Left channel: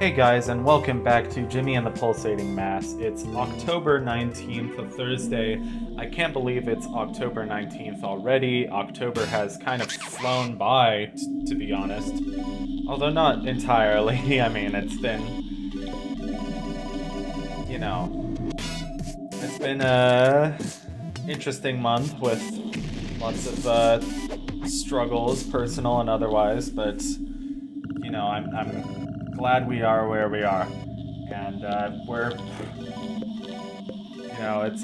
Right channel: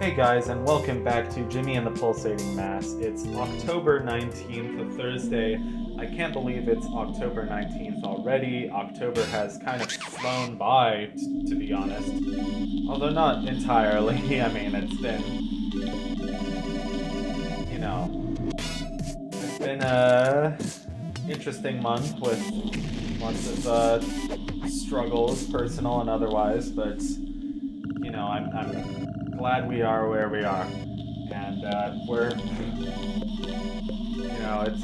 Hey guys, and welcome back to Jimmy and the Pulsating Mass. It's October 19th, a Thursday. I can't believe it's October 19th already. October has kind of flown by, to be honest. Although not entirely. I mean, it's been a interesting month with lots of struggles, personal and otherwise, but I'm glad we are where we are, and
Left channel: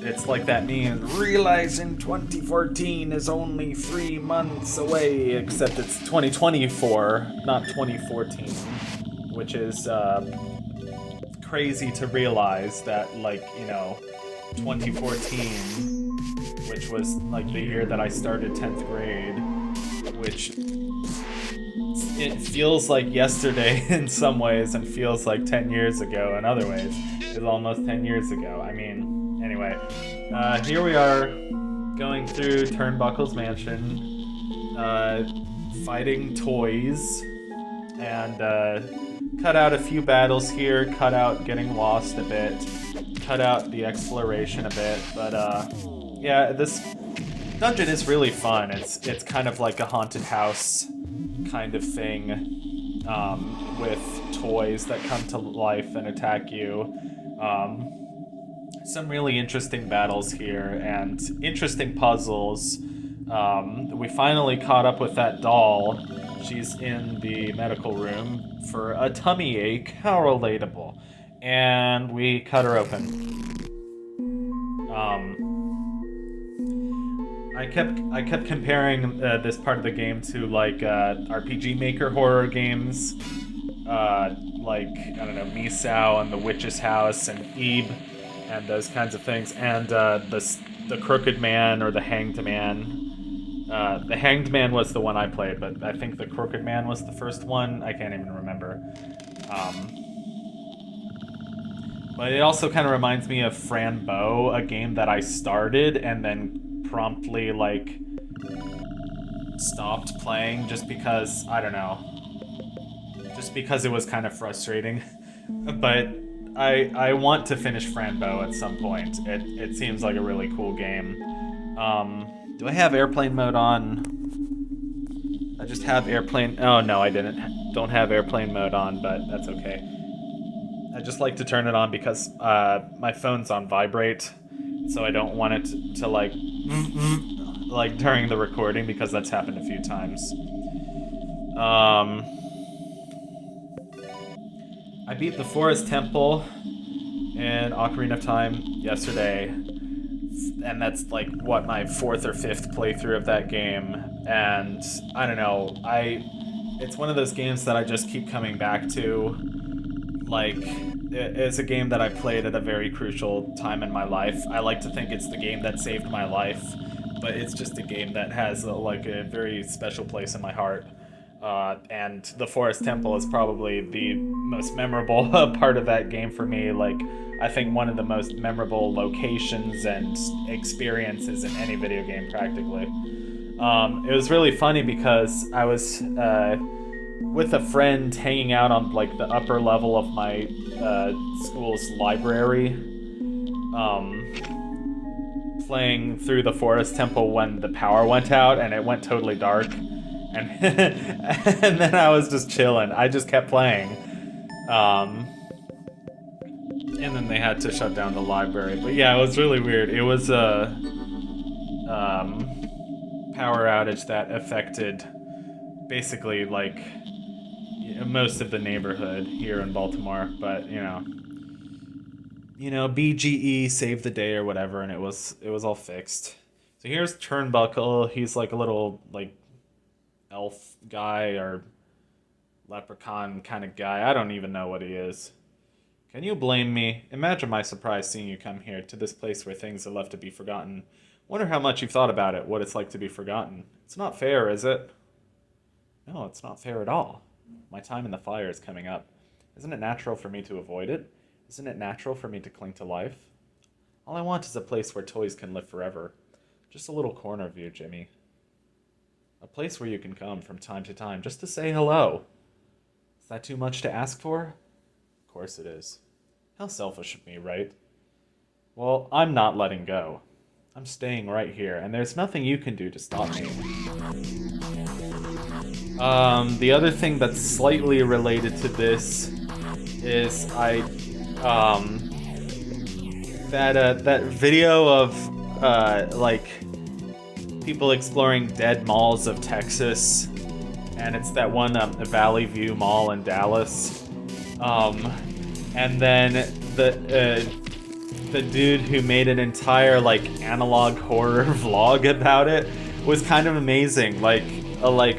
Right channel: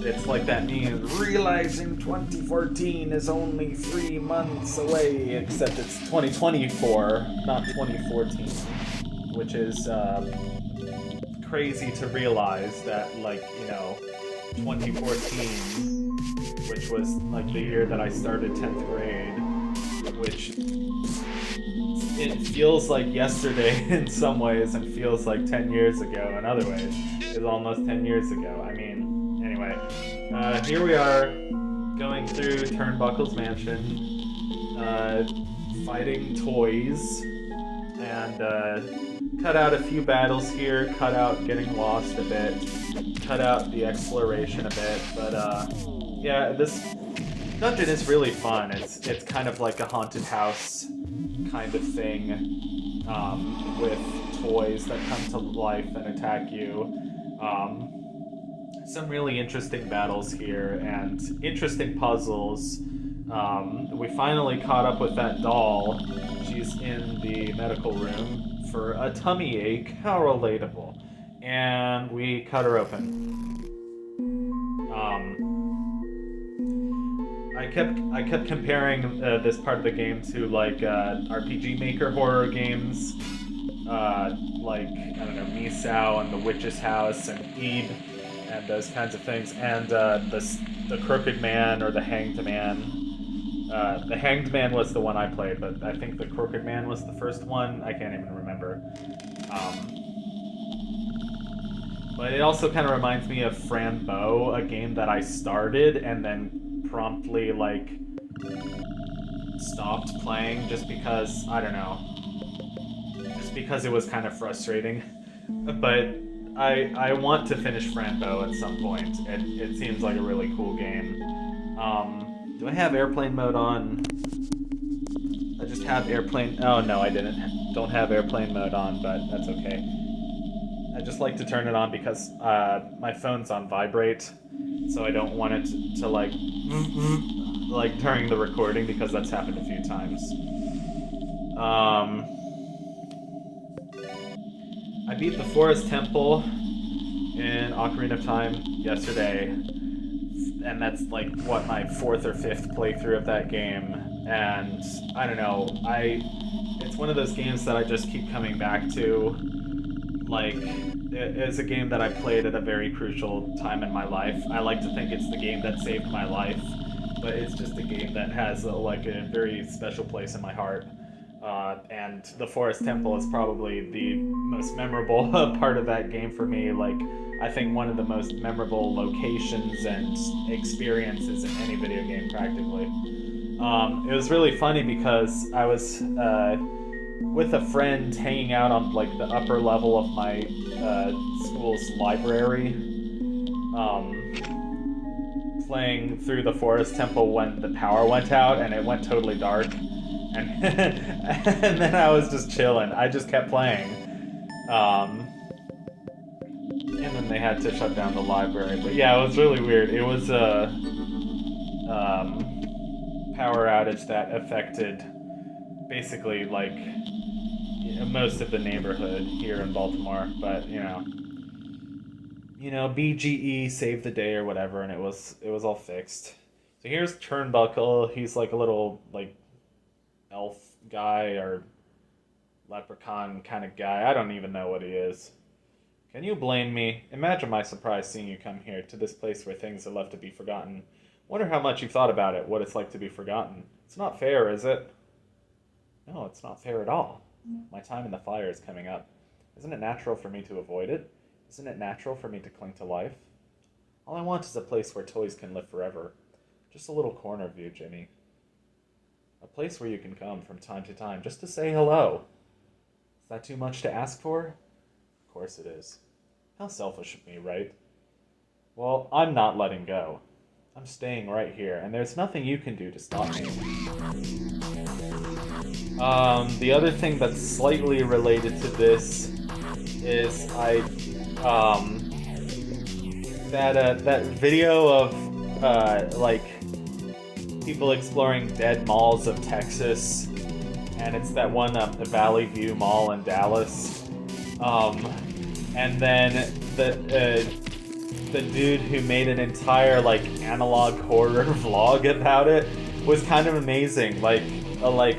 it's like that meme. Realizing 2014 is only 3 months away, except it's 2024, not 2014, which is crazy to realize that 2014, which was like the year that I started 10th grade, which it feels like yesterday in some ways and feels like 10 years ago in other ways is almost 10 years ago. I mean, anyway, here we are going through Turnbuckle's mansion, fighting toys, and cut out a few battles here, cut out getting lost a bit, cut out the exploration a bit, but yeah, this dungeon is really fun. It's kind of like a haunted house kind of thing, with toys that come to life and attack you. Some really interesting battles here and interesting puzzles. We finally caught up with that doll. She's in the medical room for a tummy ache. How relatable. And we cut her open. Um, I kept comparing this part of the game to like RPG Maker horror games, like I don't know, Misao and the Witch's House and Ebe and those kinds of things, and the Crooked Man or the Hanged Man. The Hanged Man was the one I played, but I think the Crooked Man was the first one. I can't even remember. Um, but it also kind of reminds me of Frambeau, a game that I started and then promptly stopped playing just because I don't know, just because it was kind of frustrating. But I want to finish Frambeau at some point. It seems like a really cool game. Do I have airplane mode on? I just have airplane. Oh no, I didn't. Don't have airplane mode on, but that's okay. I just like to turn it on because my phone's on vibrate, so I don't want it to like during the recording because that's happened a few times. Um, I beat the Forest Temple in Ocarina of Time yesterday, and that's like what my fourth or fifth playthrough of that game. And I don't know, it's one of those games that I just keep coming back to. Like, it's a game that I played at a very crucial time in my life. I like to think it's the game that saved my life, but it's just a game that has a very special place in my heart. And the Forest Temple is probably the most memorable part of that game for me. Like, I think one of the most memorable locations and experiences in any video game, practically. It was really funny because I was with a friend hanging out on like the upper level of my school's library, playing through the Forest Temple when the power went out and it went totally dark, and and then I was just chilling. I just kept playing, and then they had to shut down the library. But yeah, it was really weird. It was a power outage that affected basically like most of the neighborhood here in Baltimore, but BGE saved the day or whatever, and it was all fixed. So here's Turnbuckle. He's like a little like elf guy or leprechaun kind of guy. I don't even know what he is. Can you blame me? Imagine my surprise seeing you come here to this place where things are left to be forgotten. Wonder how much you've thought about it, what it's like to be forgotten. It's not fair, is it? No, it's not fair at all. My time in the fire is coming up. Isn't it natural for me to avoid it? Isn't it natural for me to cling to life? All I want is a place where toys can live forever. Just a little corner of you, Jimmy. A place where you can come from time to time just to say hello. Is that too much to ask for? course it is. How selfish of me, right? Well, I'm not letting go. I'm staying right here, and there's nothing you can do to stop me. The other thing that's slightly related to this is that video of like people exploring dead malls of Texas, and it's that one Valley View Mall in Dallas, and then the dude who made an entire like analog horror vlog about it was kind of amazing. Like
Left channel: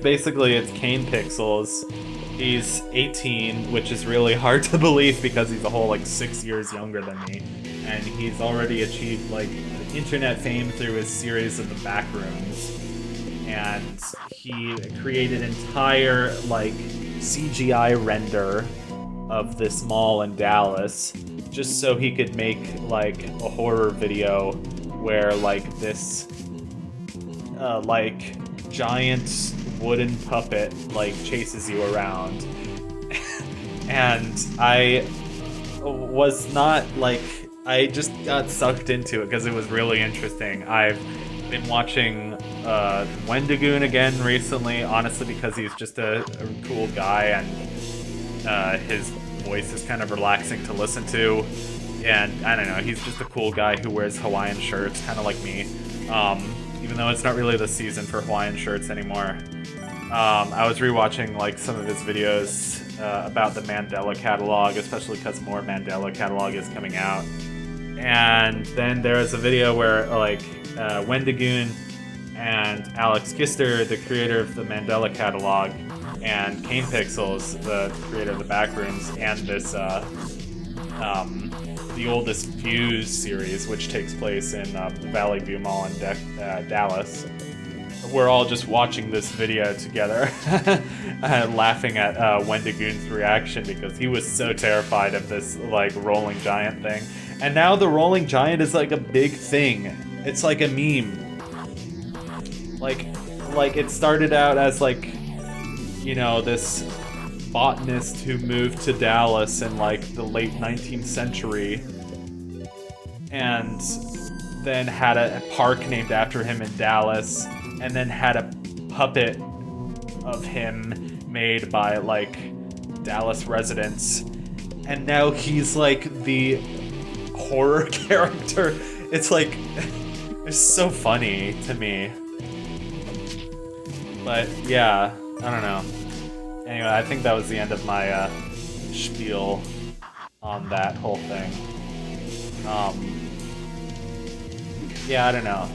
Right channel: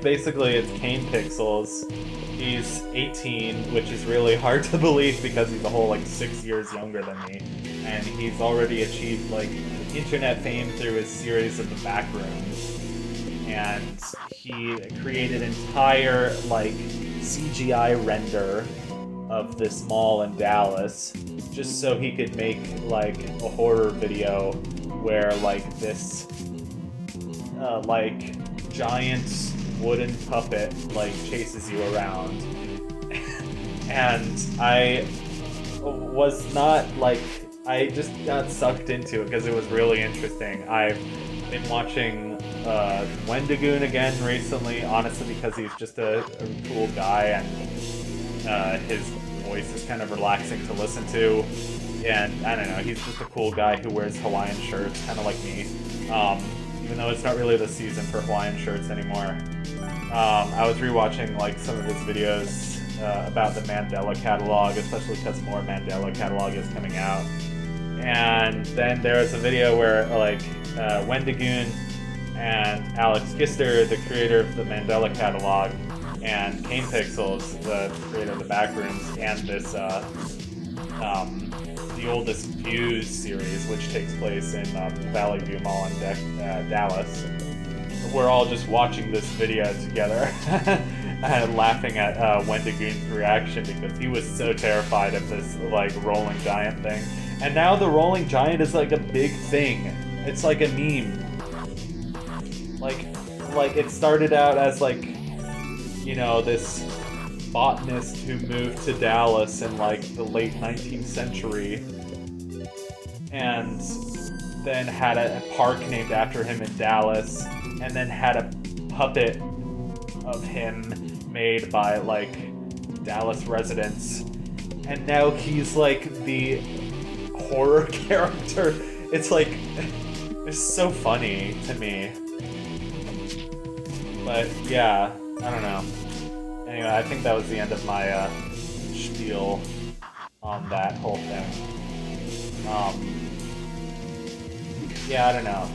basically it's Kane Pixels. He's 18, which is really hard to believe because he's a whole like 6 years younger than me, and he's already achieved like internet fame through his series of The Backrooms, and he created an entire like CGI render of this mall in Dallas just so he could make like a horror video where like this like giant wooden puppet like chases you around. And I was not like, I just got sucked into it because it was really interesting. I've been watching Wendigoon again recently, honestly because he's just a cool guy, and his voice is kind of relaxing to listen to, and I don't know, he's just a cool guy who wears Hawaiian shirts, kind of like me, even though it's not really the season for Hawaiian shirts anymore. I was rewatching like some of his videos about the Mandela catalog, especially because more Mandela catalog is coming out. And then there was a video where like Wendigoon and Alex Gister, the creator of the Mandela catalog, and Kane Pixels, the creator of the Backrooms, and this the oldest Views series, which takes place in Valley View Mall in Dallas. We're all just watching this video together, laughing at Wendigoon's reaction because he was so terrified of this like rolling giant thing. And now the rolling giant is like a big thing. It's like a meme. Like it started out as like, you know, this botanist who moved to Dallas in like the late 19th century and then had a park named after him in Dallas, and then had a puppet of him made by like Dallas residents, and now he's like the horror character. It's like, it's so funny to me. But yeah, I don't know. Anyway, I think that was the end of my spiel on that whole thing. Yeah, I don't know.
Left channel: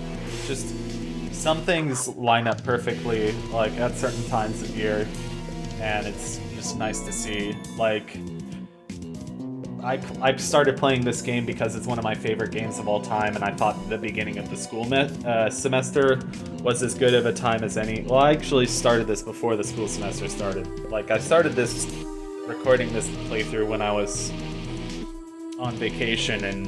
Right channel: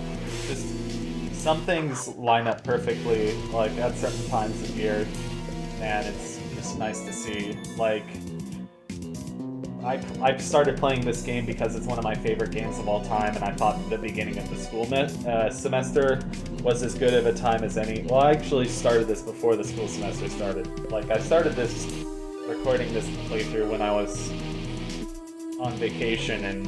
Just some things line up perfectly, like at certain times of year, and it's just nice to see. Like, I started playing this game because it's one of my favorite games of all time, and I thought the beginning of the school semester was as good of a time as any. Well, I actually started this before the school semester started. Like, I started recording this playthrough when I was on vacation, and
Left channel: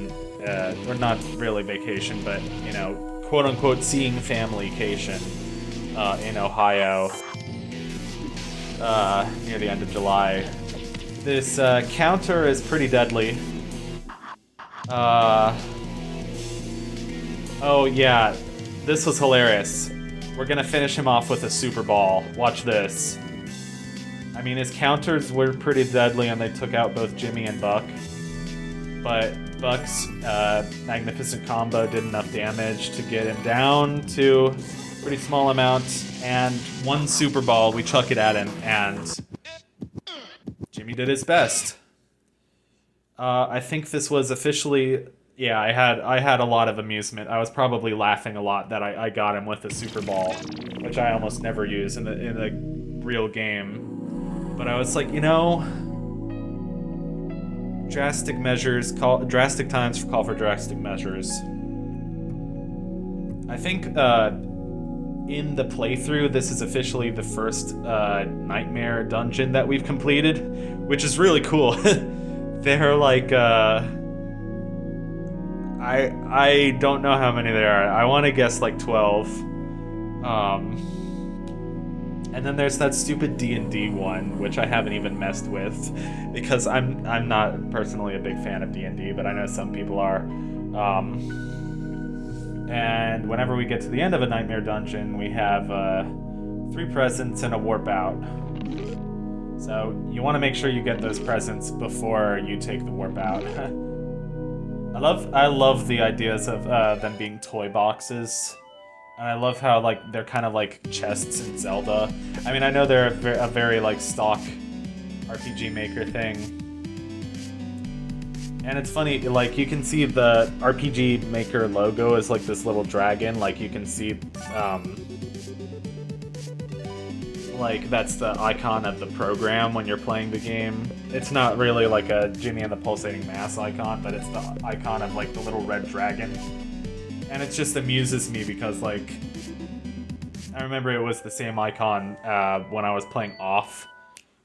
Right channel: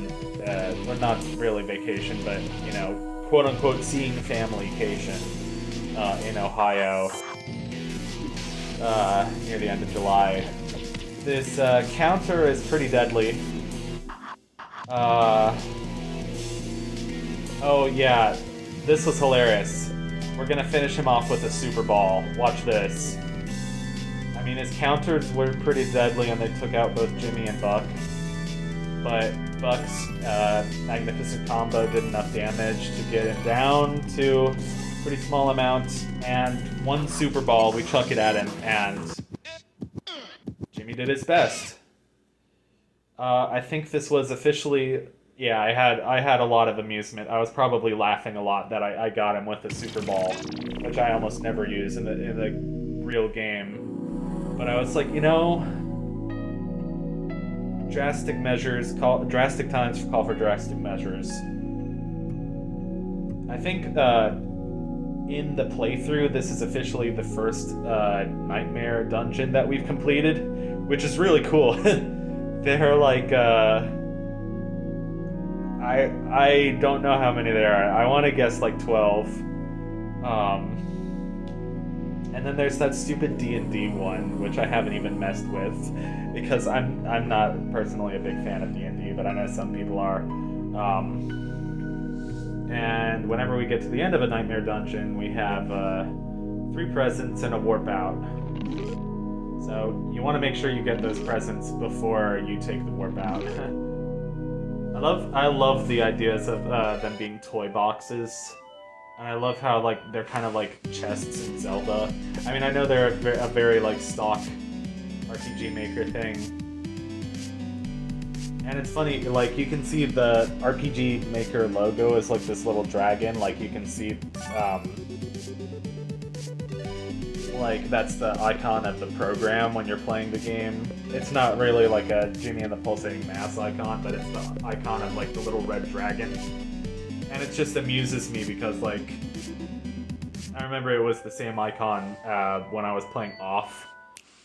or not really vacation, but, you know, quote-unquote seeing family-cation in Ohio near the end of July. This counter is pretty deadly. Oh yeah, this was hilarious. We're gonna finish him off with a super ball. Watch this. I mean, his counters were pretty deadly and they took out both Jimmy and Buck. But Buck's magnificent combo did enough damage to get him down to a pretty small amount, and one super ball, we chuck it at him, and Jimmy did his best. I think this was officially, yeah, I had a lot of amusement. I was probably laughing a lot that I got him with a super ball, which I almost never use in the real game. But I was like, you know, drastic times call for drastic measures. I think in the playthrough, this is officially the first nightmare dungeon that we've completed, which is really cool. They're like, I don't know how many there are. I want to guess like 12. And then there's that stupid D&D one, which I haven't even messed with, because I'm not personally a big fan of D&D, but I know some people are. And whenever we get to the end of a Nightmare Dungeon, we have 3 presents and a warp out. So you want to make sure you get those presents before you take the warp out. I love the ideas of them being toy boxes. And I love how like they're kind of like chests in Zelda. I mean, I know they're a very like stock RPG Maker thing. And it's funny, like you can see the RPG Maker logo is like this little dragon. Like you can see, like that's the icon of the program when you're playing the game. It's not really like a Jimmy and the Pulsating Mass icon, but it's the icon of like the little red dragon. And it just amuses me because, like, I remember it was the same icon when I was playing Off,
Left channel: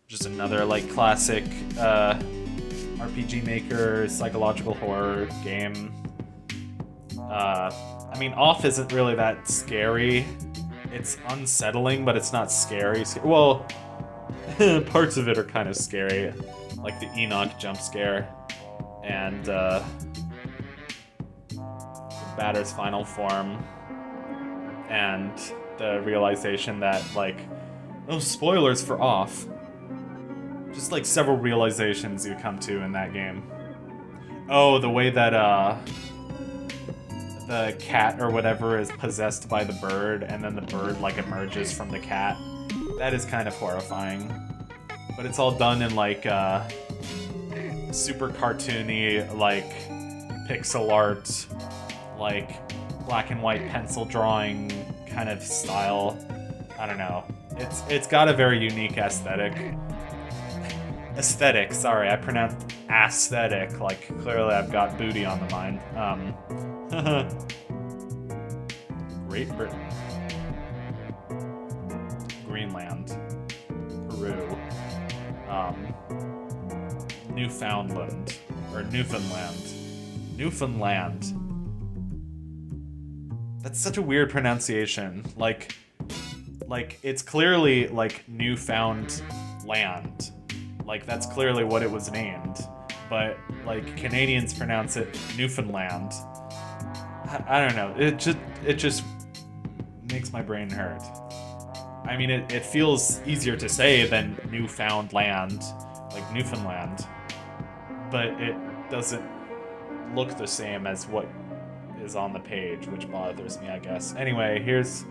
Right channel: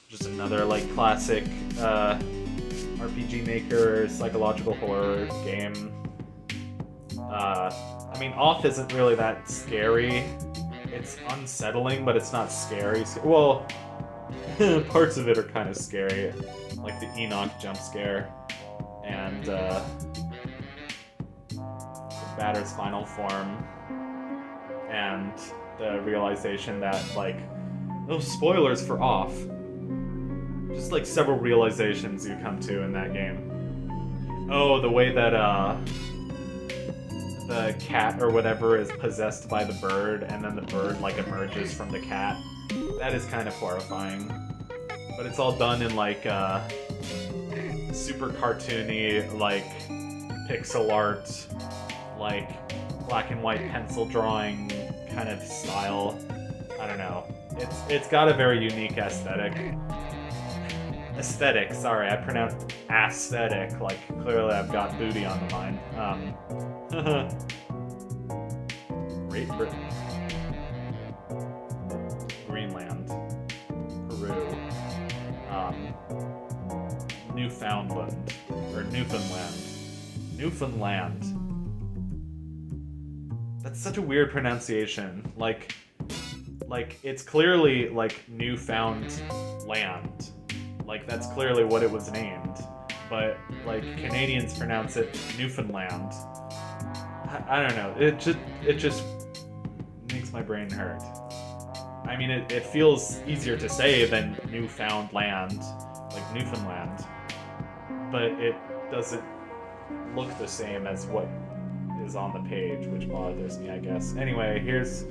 just another, like, classic RPG Maker psychological horror game. I mean, Off isn't really that scary. It's unsettling, but it's not scary. Well, parts of it are kind of scary, like the Enoch jump scare, and, Batter's final form, and the realization that, like, oh, spoilers for Off. Just like several realizations you come to in that game. Oh, the way that the cat or whatever is possessed by the bird, and then the bird like emerges from the cat. That is kind of horrifying. But it's all done in like super cartoony, like pixel art, like black and white pencil drawing kind of style. I don't know. It's got a very unique aesthetic. Sorry, I pronounced aesthetic. Like clearly I've got booty on the mind. Great Britain, Greenland, Peru, Newfoundland or Newfoundland. That's such a weird pronunciation. Like it's clearly like Newfound Land. Like that's clearly what it was named. But like Canadians pronounce it Newfoundland. I don't know. It just makes my brain hurt. I mean, it feels easier to say than Newfoundland, like Newfoundland. But it doesn't look the same as what is on the page, which bothers me, I guess. Anyway, here's...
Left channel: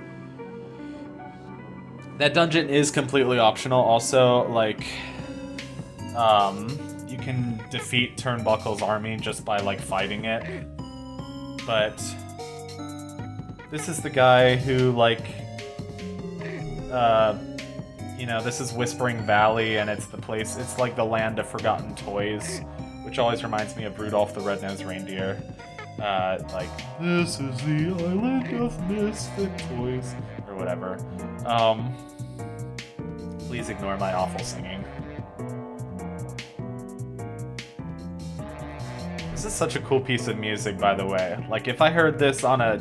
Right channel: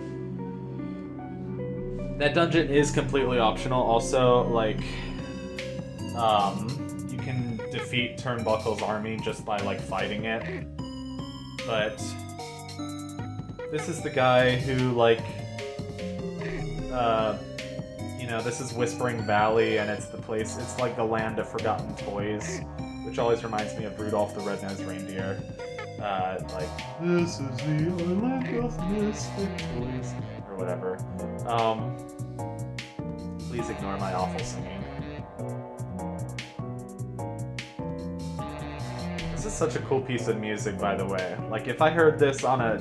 That dungeon is completely optional. Also, like, you can defeat Turnbuckle's army just by, like, fighting it. But this is the guy who, like, you know, this is Whispering Valley, and it's the place, it's like the land of forgotten toys, which always reminds me of Rudolph the Red-Nosed Reindeer. Like, this is the island of misfit toys, or whatever. Please ignore my awful singing. This is such a cool piece of music, by the way. Like, if I heard this on a,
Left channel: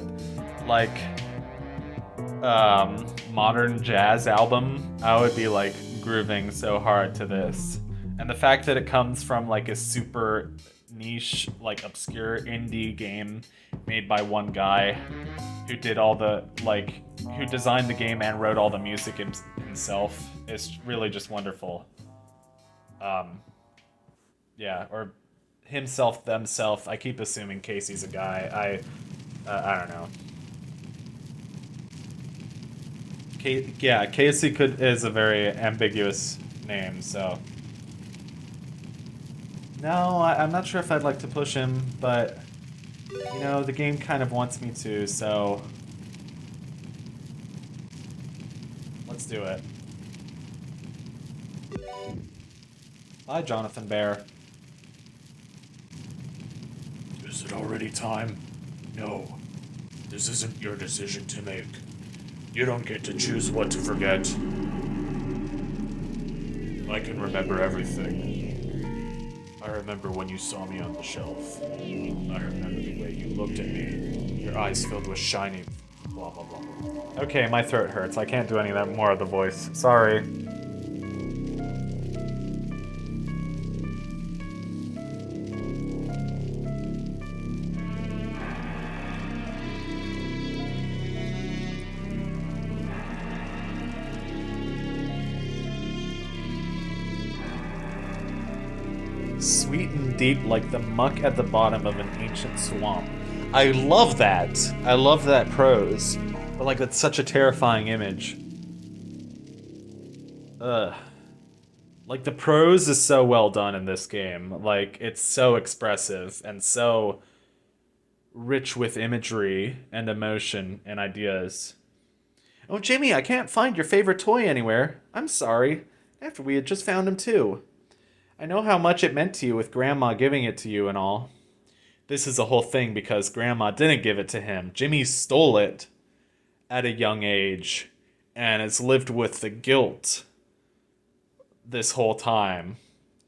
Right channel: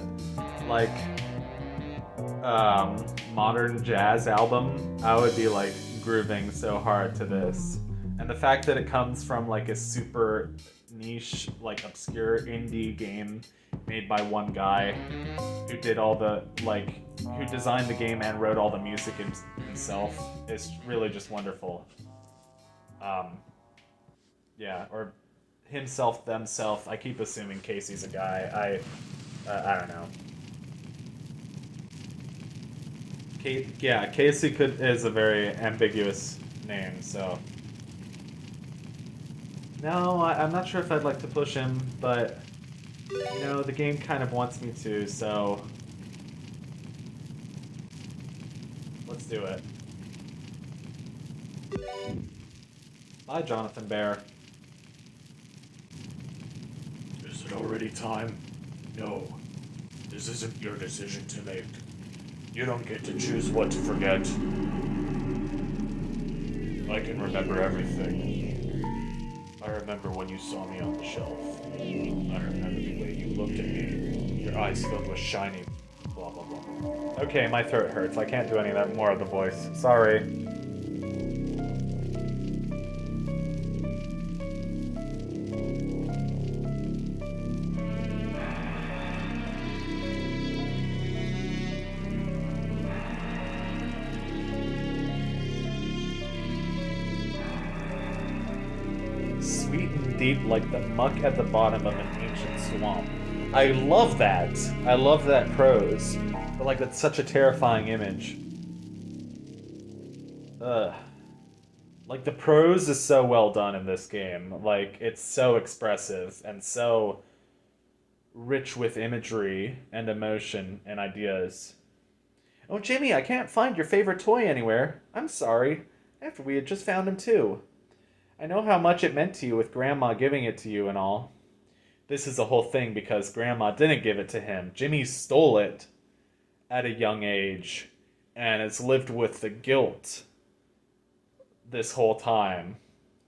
like, modern jazz album, I would be, like, grooving so hard to this. And the fact that it comes from, like, a super niche, like, obscure indie game made by one guy who did all the, like, who designed the game and wrote all the music himself is really just wonderful. Yeah, or himself, themself. I keep assuming Casey's a guy. I don't know. Yeah, Casey is a very ambiguous name, so... No, I'm not sure if I'd like to push him, but, you know, the game kind of wants me to, so... Let's do it. Bye, Jonathan Bear. Is it already time? No. This isn't your decision to make. You don't get to choose what to forget. I can remember everything. I remember when you saw me on the shelf. I remember the way you looked at me. Your eyes filled with shining... blah blah blah. Okay, my throat hurts. I can't do any of that more of the voice. Sorry. Sweet and deep like the muck at the bottom of an ancient swamp. I love that. I love that prose. But like, that's such a terrifying image. Ugh. Like, the prose is so well done in this game. Like, it's so expressive and so rich with imagery and emotion and ideas. Oh, Jimmy, I can't find your favorite toy anywhere. I'm sorry. After we had just found him, too. I know how much it meant to you with Grandma giving it to you and all. This is a whole thing because Grandma didn't give it to him. Jimmy stole it at a young age and has lived with the guilt this whole time.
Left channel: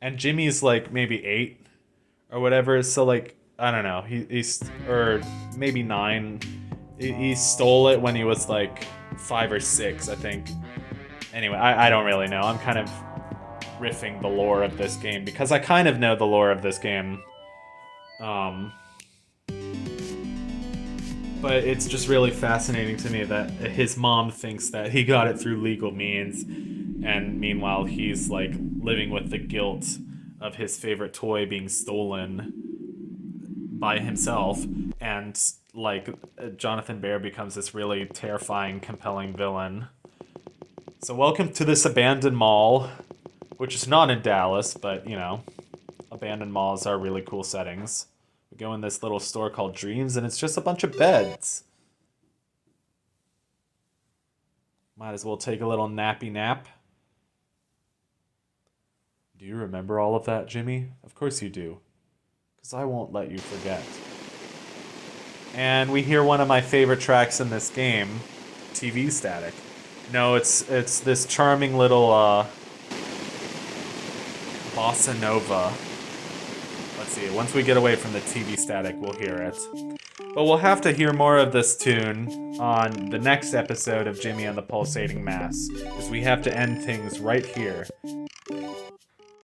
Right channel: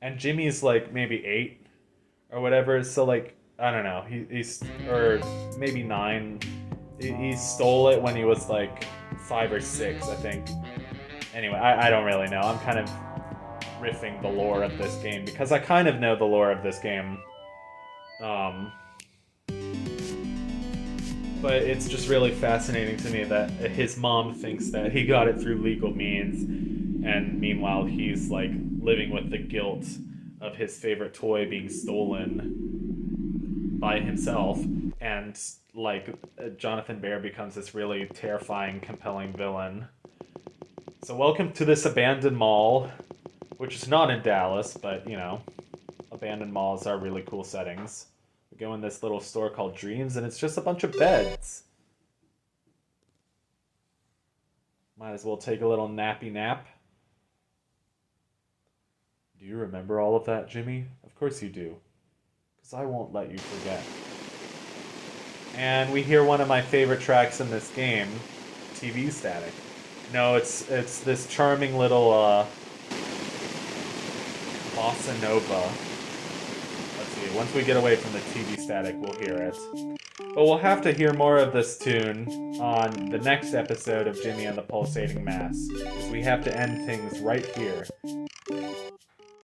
And Jimmy's like maybe 8 or whatever, so like, I don't know, he's, or maybe 9. He stole it when he was like 5 or 6, I think. Anyway, I don't really know. I'm kind of riffing the lore of this game because I kind of know the lore of this game. But it's just really fascinating to me that his mom thinks that he got it through legal means, and meanwhile he's like living with the guilt of his favorite toy being stolen by himself, and like Jonathan Bear becomes this really terrifying, compelling villain. So welcome to this abandoned mall, which is not in Dallas, but you know, abandoned malls are really cool settings. We go in this little store called Dreams, and it's just a bunch of beds. Might as well take a little nappy nap. Do you remember all of that, Jimmy? Of course you do. Because I won't let you forget. And we hear one of my favorite tracks in this game, TV Static. No, it's this charming little bossa nova. Let's see, once we get away from the TV static, we'll hear it. But we'll have to hear more of this tune on the next episode of Jimmy and the Pulsating Mass, because we have to end things right here